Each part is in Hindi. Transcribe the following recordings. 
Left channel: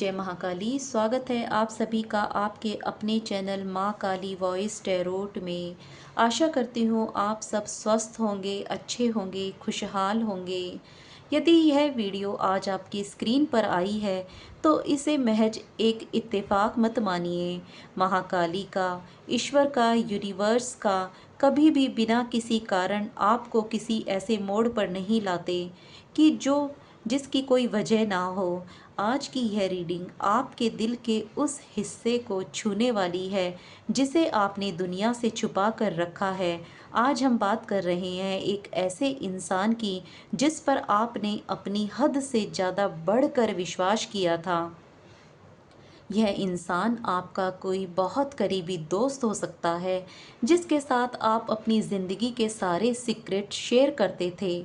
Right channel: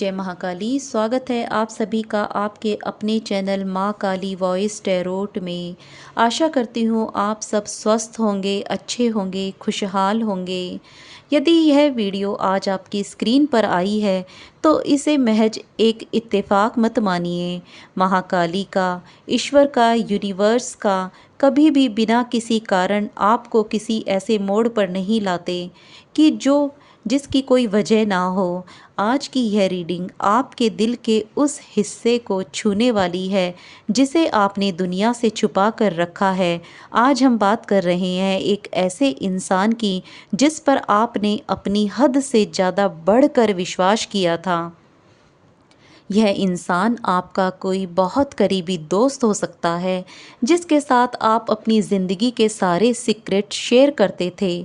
जय महाकाली। स्वागत है आप सभी का आपके अपने चैनल माँ काली वॉइस टैरोट में। आशा करती हूँ आप सब स्वस्थ होंगे, अच्छे होंगे, खुशहाल होंगे। यदि यह वीडियो आज आपकी स्क्रीन पर आई है तो इसे महज एक इत्तेफाक मत मानिए। महाकाली का, ईश्वर का, यूनिवर्स का कभी भी बिना किसी कारण आपको किसी ऐसे मोड़ पर नहीं लाते कि जिसकी कोई वजह ना हो। आज की यह रीडिंग आपके दिल के उस हिस्से को छूने वाली है जिसे आपने दुनिया से छुपा कर रखा है। आज हम बात कर रहे हैं एक ऐसे इंसान की जिस पर आपने अपनी हद से ज़्यादा बढ़कर विश्वास किया था। यह इंसान आपका कोई बहुत करीबी दोस्त हो सकता है जिसके साथ आप अपनी ज़िंदगी के सारे सीक्रेट शेयर करते थे।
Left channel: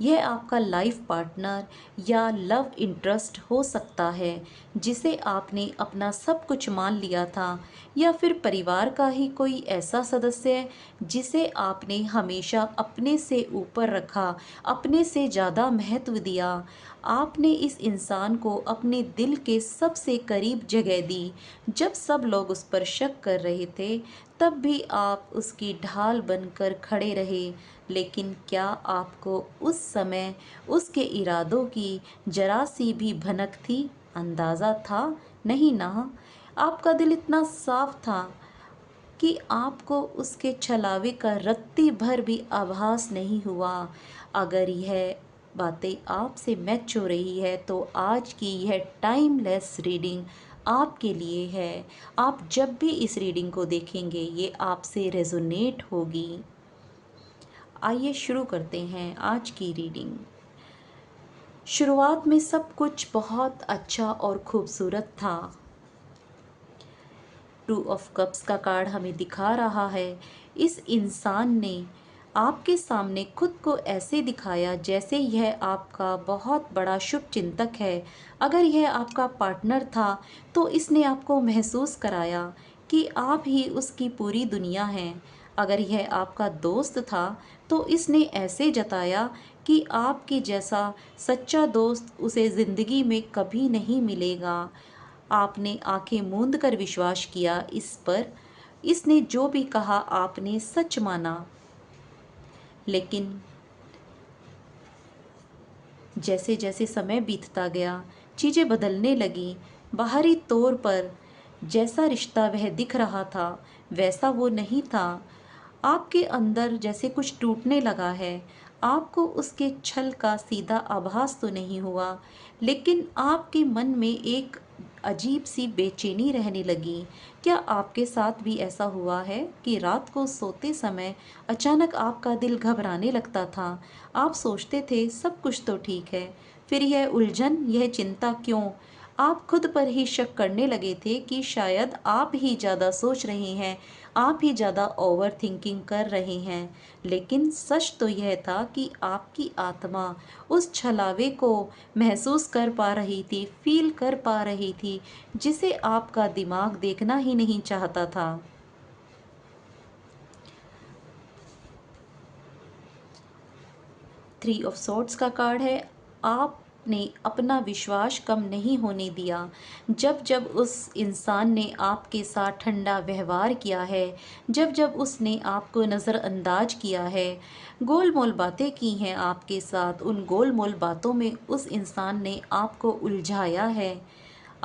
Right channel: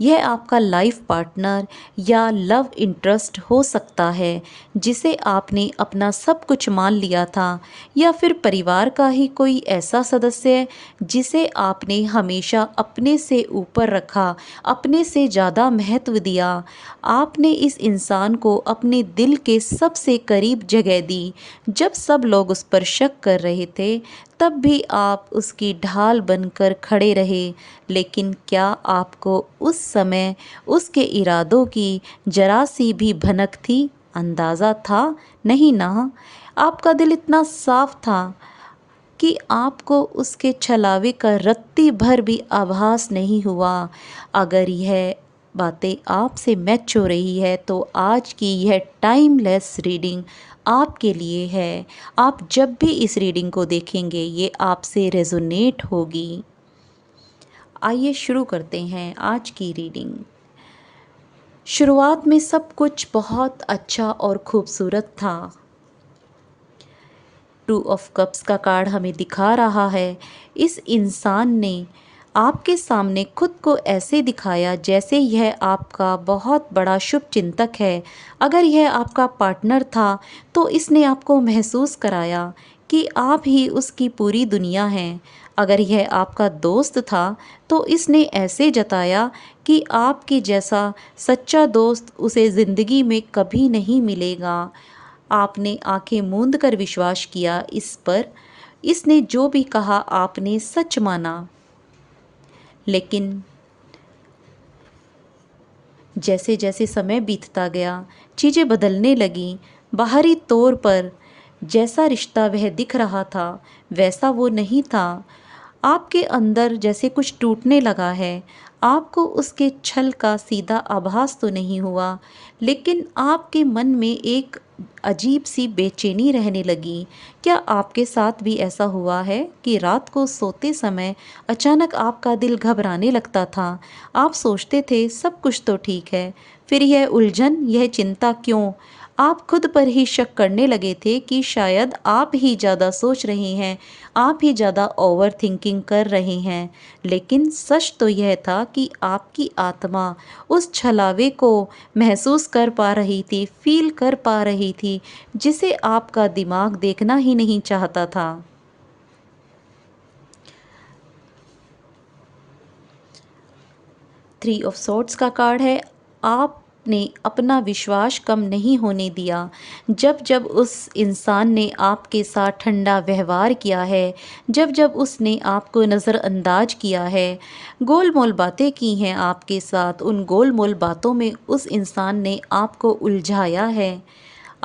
यह आपका लाइफ पार्टनर या लव इंटरेस्ट हो सकता है जिसे आपने अपना सब कुछ मान लिया था, या फिर परिवार का ही कोई ऐसा सदस्य जिसे आपने हमेशा अपने से ऊपर रखा, अपने से ज़्यादा महत्व दिया। आपने इस इंसान को अपने दिल के सबसे करीब जगह दी। जब सब लोग उस पर शक कर रहे थे तब भी आप उसकी ढाल बनकर खड़े रहे। लेकिन क्या आपको उस समय उसके इरादों की जरा सी भी भनक थी? अंदाज़ा था? नहीं ना। आपका दिल इतना साफ था कि आपको उसके छलावे का रत्ती भर भी आभास नहीं हुआ। अगर यह बातें आपसे मैच हो रही है तो आज की यह टाइमलेस रीडिंग आपके लिए है। आप जब भी इस रीडिंग को देखेंगे ये आपसे रेजोनेट होगी। आइए शुरू करते हैं आज की रीडिंग। शुरुआत में सब कुछ बहुत अच्छा और खूबसूरत था। टू ऑफ कप्स का कार्ड हमें दिखा रहा है इस इंसान ने आपके सामने खुद को ऐसे दिखाया जैसे यह आपका बहुत बड़ा शुभ चिंतक है। अगर यह आपका पार्टनर था तो इसने आपको महसूस कराया कि आप ही उसकी पूरी दुनिया हैं। अगर यह आपका दोस्त था तो इसने ऐसे जताया कि आपके जैसा सच्चा दोस्त उसे ज़िंदगी में कभी नहीं मिलेगा। आपने आंखें मूंद कर विश्वास किया इस पर। इसने जो भी कहा आपने सच माना। लेकिन जैसे जैसे समय बीतता गया चीज़ें बदलने लगीं। बाहरी तौर पर जैसा रिश्ता वह दिख रहा था वैसा वो नहीं था। आपके अंदर जैसे कुछ टूटने लगा है। आपको उसके छल का सीधा आभास तो नहीं हुआ, लेकिन आपके मन में एक अजीब सी बेचैनी रहने लगी। क्या आपके साथ भी ऐसा हुआ है कि रात को सोते समय अचानक आपका दिल घबराने लगता था? आप सोचते थे सब कुछ तो ठीक है, फिर यह उलझन, यह चिंता क्यों? आप खुद पर ही शक करने लगे थे कि शायद आप ही ज़्यादा सोच रहे हैं, आप ही ज़्यादा ओवर थिंकिंग कर रहे हैं। लेकिन सच तो यह था कि आपकी आत्मा उस छलावे को महसूस कर पा रही थी, फील कर पा रही थी, जिसे आपका दिमाग देखना ही नहीं चाहता था। थ्री ऑफ सॉर्ड्स का कार्ड है। आपने अपना विश्वास कम नहीं होने दिया। जब जब उस इंसान ने आपके साथ ठंडा व्यवहार किया है, जब जब उसने आपको नज़रअंदाज किया है, गोल मोल बातें की हैं आपके साथ, उन गोल मोल बातों में उस इंसान ने आपको उलझाया है।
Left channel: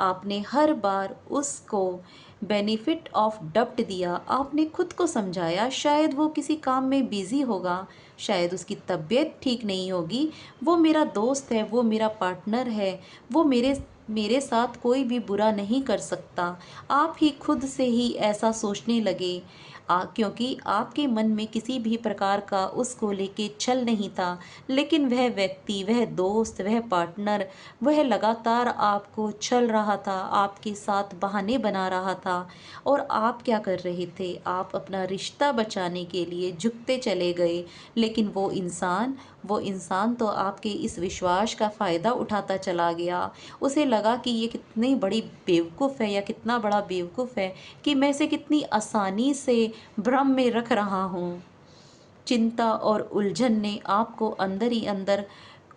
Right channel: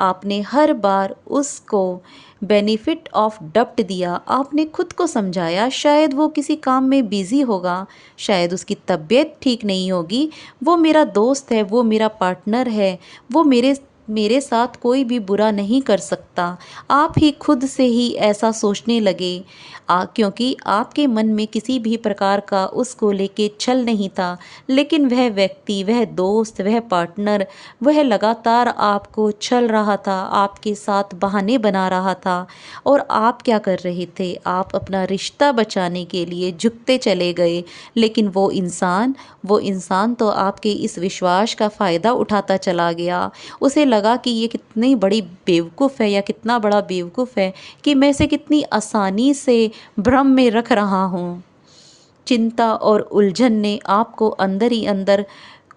आपने हर बार उसको बेनिफिट ऑफ डाउट दिया। आपने खुद को समझाया शायद वो किसी काम में बिज़ी होगा, शायद उसकी तबीयत ठीक नहीं होगी, वो मेरा दोस्त है, वो मेरा पार्टनर है, वो मेरे मेरे साथ कोई भी बुरा नहीं कर सकता। आप ही खुद से ही ऐसा सोचने लगे क्योंकि आपके मन में किसी भी प्रकार का उसको लेके छल नहीं था। लेकिन वह व्यक्ति, वह दोस्त, वह पार्टनर, वह लगातार आपको छल रहा था, आपके साथ बहाने बना रहा था। और आप क्या कर रहे थे? आप अपना रिश्ता बचाने के लिए झुकते चले गए। लेकिन वो इंसान तो आपके इस विश्वास का फ़ायदा उठाता चला गया। उसे लगा कि ये कितनी बड़ी बेवकूफ़ है, या कितना बड़ा बेवकूफ़ है कि मैं इसे कितनी आसानी से भ्रम में रख रहा हूँ। चिंता और उलझन ने आपको अंदर ही अंदर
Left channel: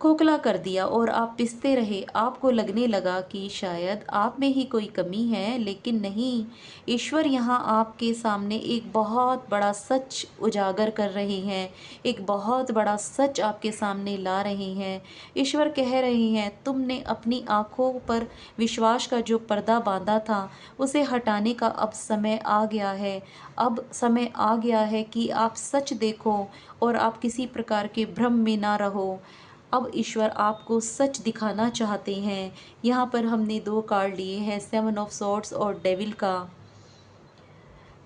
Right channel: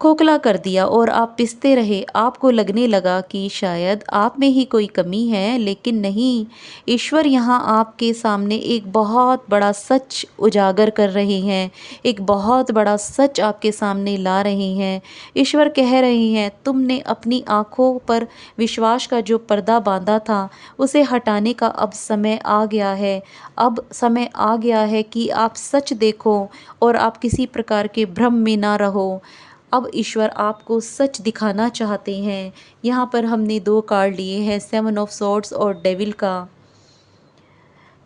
खोखला कर दिया और आप पिसते रहे। आपको लगने लगा कि शायद आप में ही कोई कमी है, लेकिन नहीं, ईश्वर यहाँ आपके सामने एक बहुत बड़ा सच उजागर कर रहे हैं, एक बहुत बड़ा सच आपके सामने ला रहे हैं। ईश्वर कह रहे हैं, तुमने अपनी आँखों पर विश्वास का जो पर्दा बांधा था, उसे हटाने का अब समय आ गया है। अब समय आ गया है कि आप सच देखो और आप किसी प्रकार के भ्रम में ना रहो। अब ईश्वर आपको सच दिखाना चाहते हैं। यहाँ पर हमने 2 कार्ड लिए हैं, 7 ऑफ सॉर्ड्स और डेविल का।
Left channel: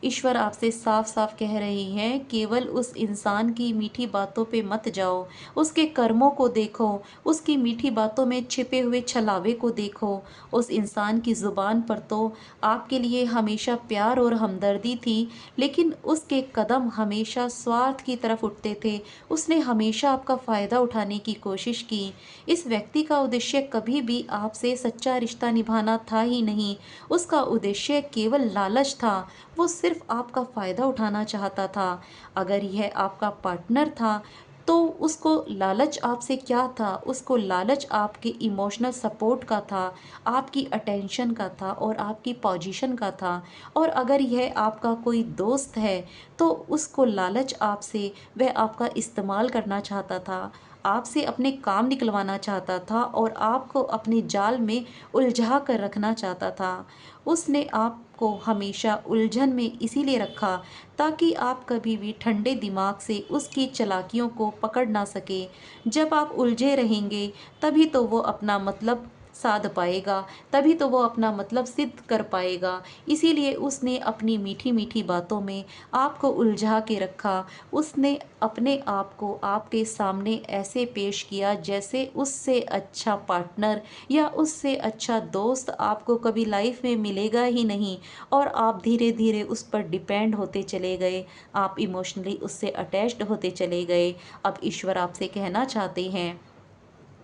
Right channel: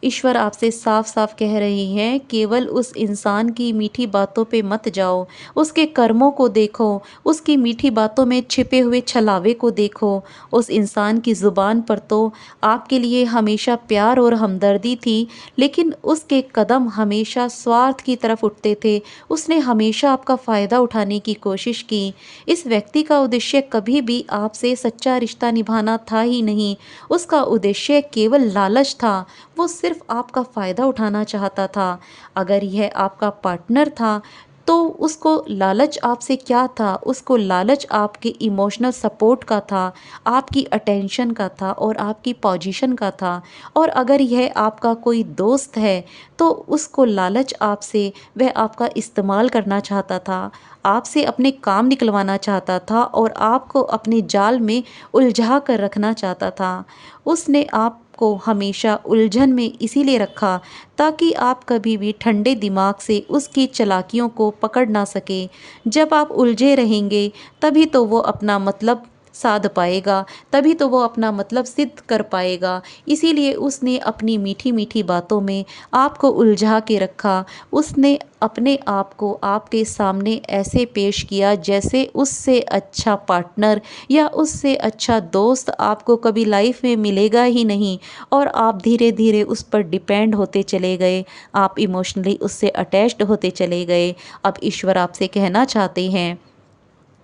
ईश्वर आपसे साफ साफ कह रही हैं, केवल उस इंसान की मीठी बातों पे मत जाओ, उसके कर्मों को देखो, उसकी मीठी बातों में छिपे हुए छलावे को देखो। उस इंसान की ज़ुबान पर तो आपके लिए हमेशा प्यार और हमदर्दी थी, लेकिन उसके कदम हमेशा स्वार्थ की तरफ उठते थे। उसने हमेशा आपका फ़ायदा उठाने की कोशिश की। इस व्यक्ति का उद्देश्य कभी भी आपसे सच्चा रिश्ता निभाना था ही नहीं। उसका उद्देश्य केवल लालच था। वो सिर्फ आपका फ़ायदा उठाना चाहता था। अगर यह आपका पार्टनर था, तो उसको लालच आपसे क्या था? उसको लालच आपके इमोशनल सपोर्ट का था, आपकी अटेंशन का था और आपकी पोजीशन का था। और अगर यह आपका कोई दोस्त है, तो उसको लालच आपसे, वह आपका इस्तेमाल करना चाहता था, आपसे अपने काम निकलवाना चाहता था और आपको अपने जाल में उलझा कर रखना चाहता था। उसने आपको हमेशा उलझन में इसीलिए रखा, ताकि आप कभी भी ठंडे दिमाग से उसकी चालाकियों को पकड़ ना सके। जब आप उलझे रहेंगे, तभी तो वो अपना मतलब साध पाएगा, तभी तो वो अपना मतलब सिद्ध कर पाएगा। इसीलिए उसने अपनी मीठी मीठी बातों में आपको उलझा के रखा। उसने अपने आप को आपके सामने ऐसे पेश किया जैसे उससे अच्छा पार्टनर या उससे अच्छा दोस्त आपको कभी लाइफ में मिलेगा ही नहीं। और आप धीरे धीरे उस पर डिपेंड होते चले गए, आप इमोशनली उससे अटैच्ड होते चले गए। अब ईश्वर आपसे कहना चाहते हैं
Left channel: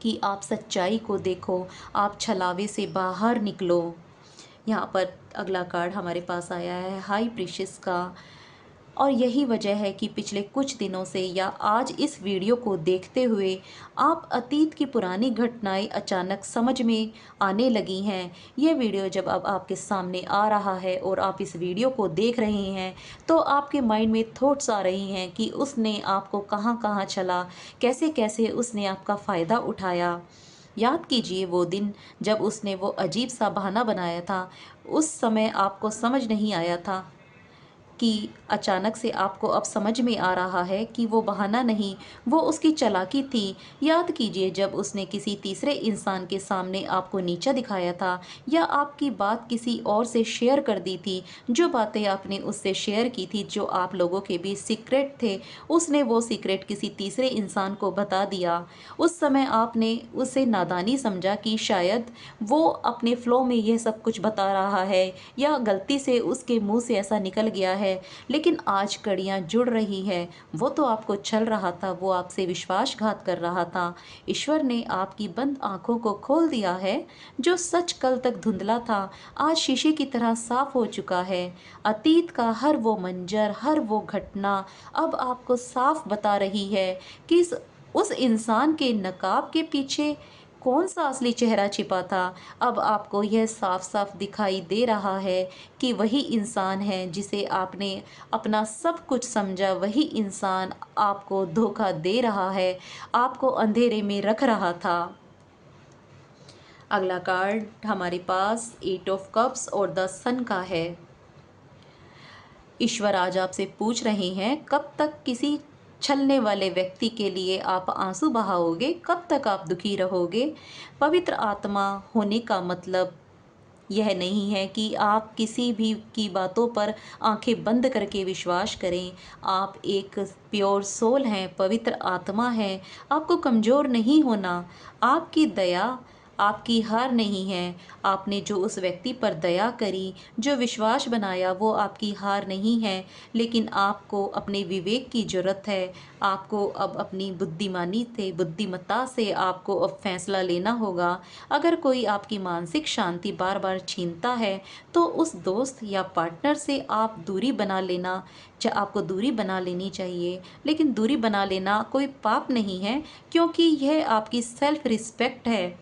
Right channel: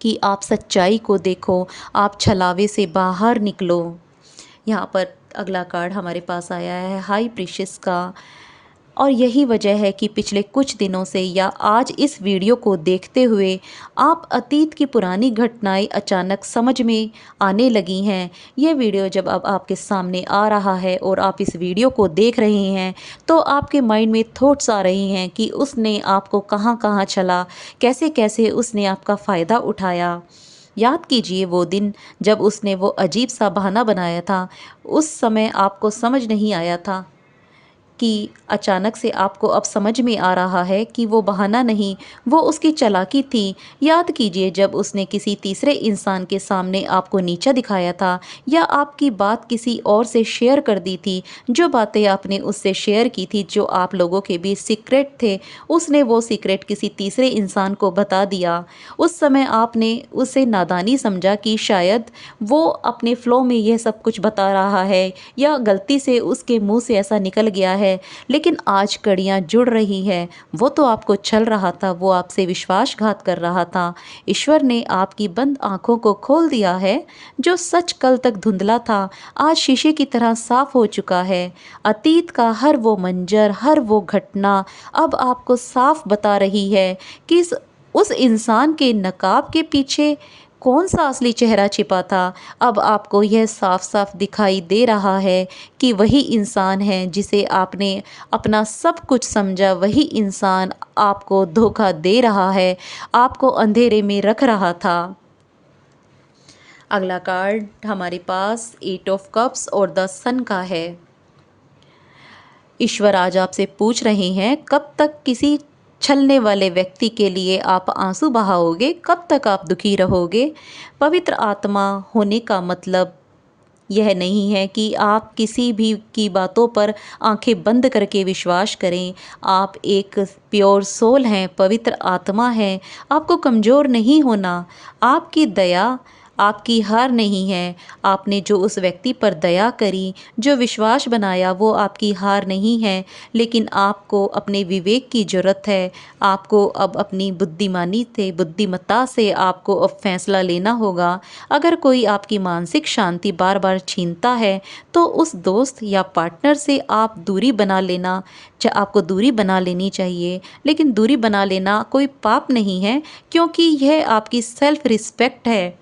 कि आप सच्चाई को देखो, आप छलावे से बाहर निकलो। यहाँ पर अगला कार्ड हमारे पास आया है हाई प्रीशियस का। और यही वजह है कि पिछले कुछ दिनों से या आज इस वीडियो को देखते हुए आप अतीत की पुरानी घटनाएं अचानक समझ में आने लगी हैं। यह वीडियो जब अब आपके सामने आ रहा है और आप इस वीडियो को देख रहे हैं, तो आपके माइंड में थॉट्स आ रही हैं कि उसने आपको कहाँ कहाँ छला, कैसे कैसे उसने आपका फ़ायदा उठाया। याद कीजिए वो दिन जब उसने वो अजीब सा बहाना बनाया था। उस समय आपको समझ नहीं आया था कि अचानक से आपको अब समझ में आ रहा है कि वो बहाना नहीं, वो उसकी चालाकी थी। याद कीजिए जब उसने किसी तीसरे इंसान के सामने आपको नीचा दिखाया था, या आपकी बात किसी और से शेयर कर दी थी। जो बातें आपने उससे शेयर की थी, जो आप लोगों के बीच सीक्रेट थे, उसने वो सीक्रेट किसी तीसरे इंसान को बता दिया। उस समय आपने उसे नादानी समझा कि शायद वो अपने फ़्लो में यह सब कुछ बता रहा है, या गलती से उसके मुंह से ऐसा निकल गया है। लेकिन आज कड़ियाँ जुड़ रही है। वो तो आपको छल रहा था, वो आपसे विश्वासघात कर रहा था। ईश्वर ने आपकी बंद आंखों को खोल दिया है। जो सच कल तक धुंधला था, आज शीशे की तरह साफ हो चुका है। अतीत का हर वो मंजर, हर वो घटना अब आपको साफ बता रही है कि उस इंसान के नकाब के पीछे कौन सा असली चेहरा छिपा था। अब आपको यह साफ साफ दिखाई दे रहा है कि वही इंसान है जिसे आपने अपना सब कुछ समझा, वही इंसान आपको धोखा दे रहा है, आपको अंधेरे में रख रहा था। अगला कार्ड हमारे पास 8 ऑफ कप्स और द सन का है। ईश्वर आज आपसे पूछ रहे हैं, कब तक किसी छलने वाले व्यक्ति के लिए आप आंसू बहाओगे? कब तक आप दुखी रहोगे? पवित्र आत्मा होने का मतलब यह नहीं है कि आप किसी भी की बातों पर आंखें बंद करके विश्वास करें। आप एक प्योर सोल हैं, पवित्र आत्मा है। आपको कमज़ोर नहीं होना। आपकी दया, आपकी हार नहीं है। आपने जो उस व्यक्ति पर दया करी, जो विश्वास बनाया, वो आपकी हार नहीं है। लेकिन आपको अपने विवेक की ज़रूरत है। आपको अब अपनी बुद्धिमत्ता से आपको अब फैसला लेना होगा। अगर कोई आपकी मानसिक शांति बार बार छीनता है, तो उस दोस्त या पार्टनर से आप दूरी बना लेना आपको दूरी बना लेनी चाहिए। लेकिन दूरी बना लेना कोई पाप नहीं है, क्योंकि यह आपकी सेल्फ रिस्पेक्ट है।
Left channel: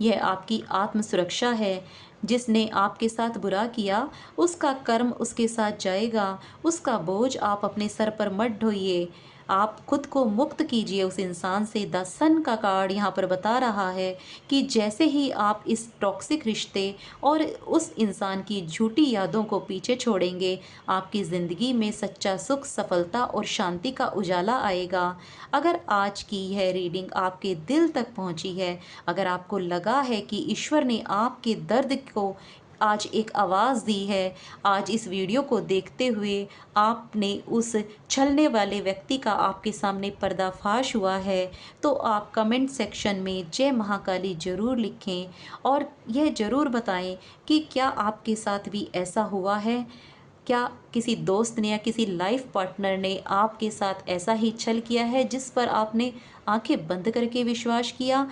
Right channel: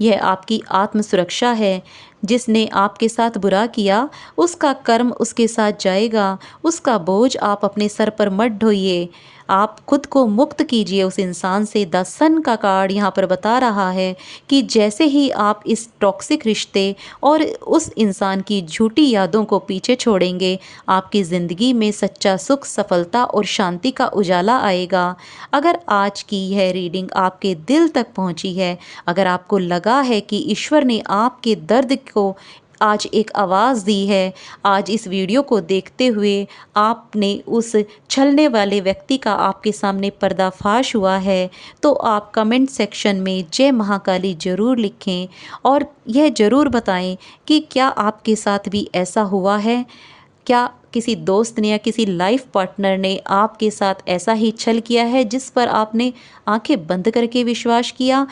यह आपकी आत्म सुरक्षा है। जिसने आपके साथ बुरा किया, उसका कर्म उसके साथ जाएगा। उसका बोझ आप अपने सर पर मत ढोइए। आप खुद को मुक्त कीजिए उस इंसान से। द सन का कार्ड यहाँ पर बता रहा है कि जैसे ही आप इस टॉक्सिक रिश्ते और उस इंसान की झूठी यादों को पीछे छोड़ेंगे, आपकी ज़िंदगी में सच्चा सुख, सफलता और शांति का उजाला आएगा। अगर आज की यह रीडिंग आपके दिल तक पहुंची है, अगर आपको लगा है कि ईश्वर ने आपके दर्द को आज एक आवाज़ दी है, आज इस वीडियो को देखते हुए आपने उस छलने वाले व्यक्ति का आपके सामने पर्दाफाश हुआ है, तो आप कमेंट सेक्शन में जय महाकाली ज़रूर लिखें और यह ज़रूर बताएं कि क्या आपके साथ भी ऐसा हुआ है। क्या किसी दोस्त ने या किसी लाइफ पार्टनर ने आपके साथ ऐसा ही छल किया है जिस पर आपने आंखें बंद करके विश्वास किया।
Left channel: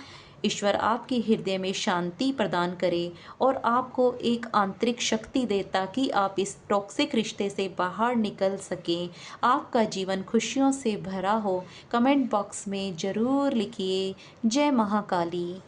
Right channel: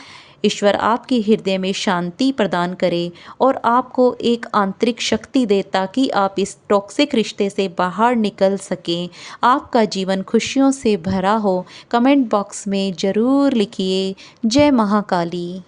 ईश्वर आपके हृदय में शांति प्रदान करे और आपको एक आंतरिक शक्ति दे, ताकि आप इस टॉक्सिक रिश्ते से बाहर निकल सकें, आपका जीवन खुशियों से भरा हो। कमेंट बॉक्स में ज़रूर लिखिए जय महाकाली।